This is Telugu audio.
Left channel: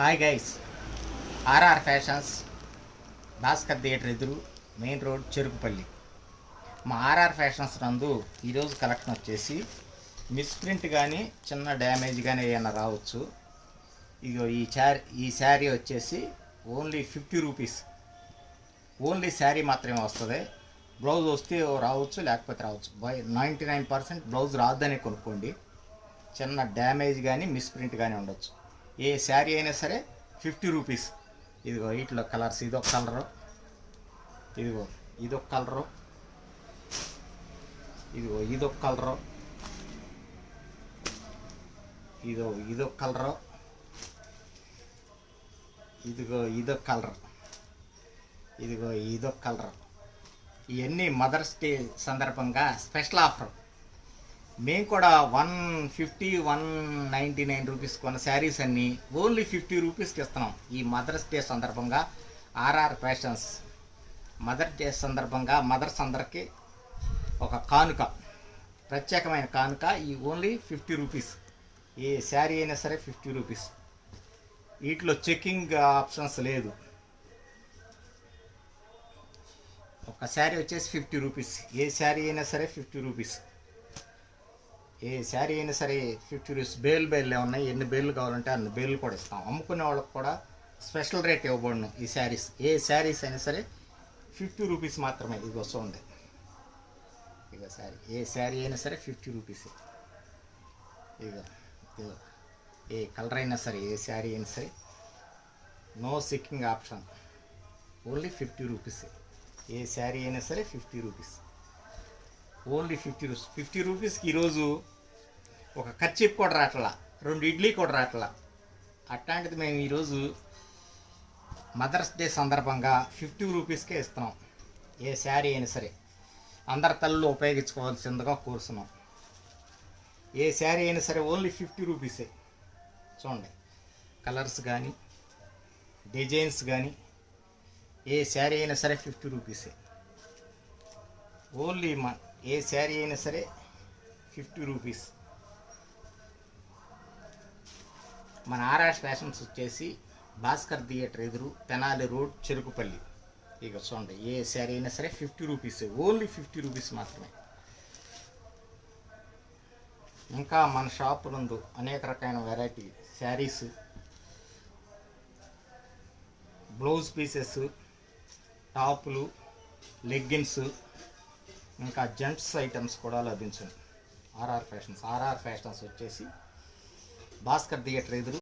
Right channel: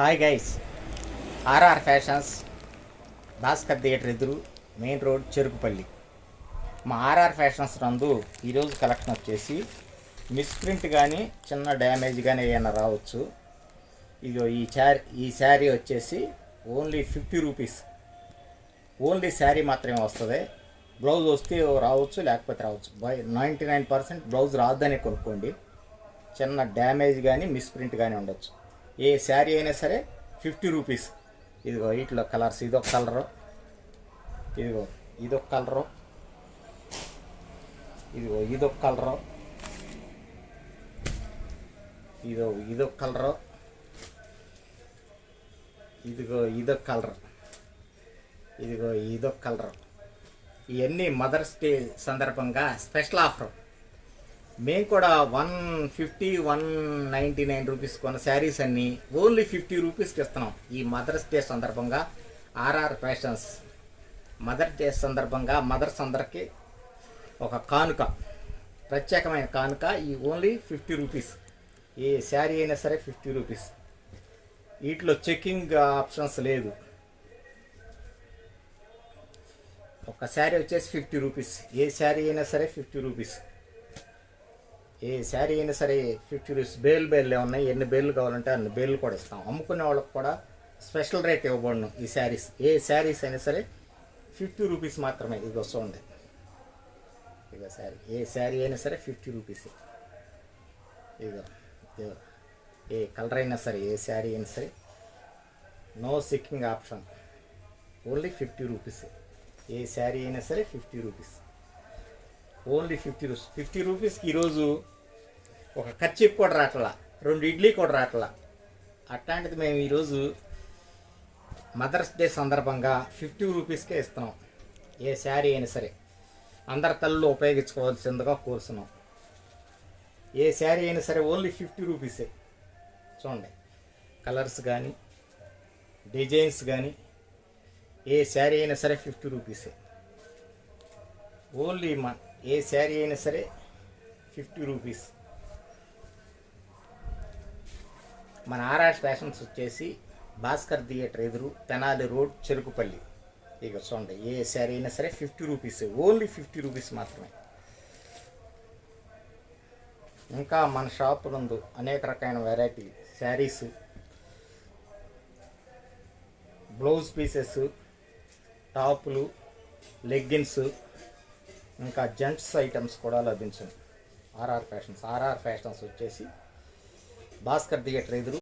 Hi guys, RR fashions, Bhaskar theatre ఎదురు, మెయిన్ రోడ్, చెరుకుపల్లి. మా ఆర్ఆర్ ఫ్యాషన్స్ నందు ఈరోజు కలెక్షన్ వచ్చేసి మిస్ప్రింట్ కానీ చిన్న డ్యామేజ్ కానీ ఏమైనా రావచ్చు. ఇగో ఈ శారీ వచ్చేసి ఓన్లీ 50 రూపీస్. ఓన్లీ శారీ మాత్రమే వస్తుంది. బ్లౌజ్ వస్తే రావచ్చు, లేకపోతే రావచ్చు. 99% బ్లౌజ్ రాదని కొనుక్కోండి. చిన్న డ్యామేజ్ కానీ మిస్ప్రింట్ కానీ ఉండొచ్చు. ఏ శారీ అయినా సరే 50 రూపీస్. ఇదిగో వీటిలో కలర్స్, ఇదొక కలరు, ఇదిగో ఇదొక కలరు, ఇదొక కలరు, ఇదొక కలరు, ఇదొక కలర్, ఇదొక కలర్. ఇవన్నీ మదర్స్ డే సందర్భంగా స్పెషల్ ఆఫర్. మేము కూడా 199 రూపీస్ కొన్న శారీస్ అన్నీ ఓన్లీ 50 రూపీస్కి ఇస్తున్నాం. ఈ మదర్స్ డే సందర్భంగా ఆర్ఆర్ ఫ్యాషన్స్ మదర్ డే సందర్భంగా మదర్స్ అందరికీ ఒక కానుక, ప్రత్యేకమైన కానుక. ఈ ఓన్లీ 50 రూపీస్. ఏ శారీ అయినా సరే 50 రూపీస్. వీటిలో చెక్కింగ్ ఆప్షన్స్ లేదు. ఒక శారీ వచ్చేసి 50 రూపీస్. ఏ శారీ అయినా సరే 50 రూపీస్. ఏ శారీ అయినా సరే 50 రూపీస్. బేలు ఉన్నాయి. ఎన్ని బేళ్ళు కావాలంటే అన్ని బేళ్ళు కూడా ఇస్తాం. అమ్ముకునే వాళ్ళకి కూడా స్పెషల్ రేట్ ఇవ్వబడును ఈ శారీస్. ఏ శారీస్ అయినా సరే 50 రూపీస్ మాత్రమే. ఇది వస్తుంది. ఇక శారీ, ఏ శారీ అయినా సరే 50 రూపీస్. ఇక ఏ కలర్ అయినా సరే, ఏ శారీ అయినా సరే నో సిక్కింగ్ ఆప్షన్. Only 50 rupees. ఏ శారీ అయినా సరే 50 రూపీస్. Only 50 rupees. 50 రూపీస్కి ఈరోజు ఒక కర్చీప్ కూడా రావట్లా, 2 ఇడ్లీ కూడా రావట్లా. అట్లాంటిది మేము ఈరోజు మదర్స్ డే సందర్భంగా 50 రూపీస్కే ఇస్తున్నాం. ఏ శారీ అయినా సరే అందరి తల్లు ఉపయోగించుకోవాల్సిందిగా కోరుతున్నాం. ఏ శారీ అయినా సరే ఓన్లీ 50 రూపీసే. చూడండి, కలర్స్ కానీ డిజైన్స్ కానీ ఏ శారీ అయినా సరే 50 రూపీసే. ఓన్లీ ఏ శారీ అయినా సరే 50 రూపీస్. మన ఆర్ఆర్ ఫ్యాషన్స్ వచ్చేసి భాస్కర్ థియేటర్ ఎదురు, తెనాలి రోడ్, చెరుకుపల్లి. ఇక చూడండి, ఏ శారీ అయినా సరే 50 రూపీస్. ఓన్లీ 50 రూపీస్ మాత్రమే. ఇంకా మన షాప్ నందు అనేక రకమైన వెరైటీ శారీస్, బ్లౌజ్ పీసెస్, టాపులు, లెగ్గిన్స్, ఇంకా జెంట్స్ ఐటమ్స్ కూడా లభించును. ఆర్ఆర్ ఫ్యాషన్స్ వచ్చేసి భాస్కర్ థియేటర్ ఎదురు,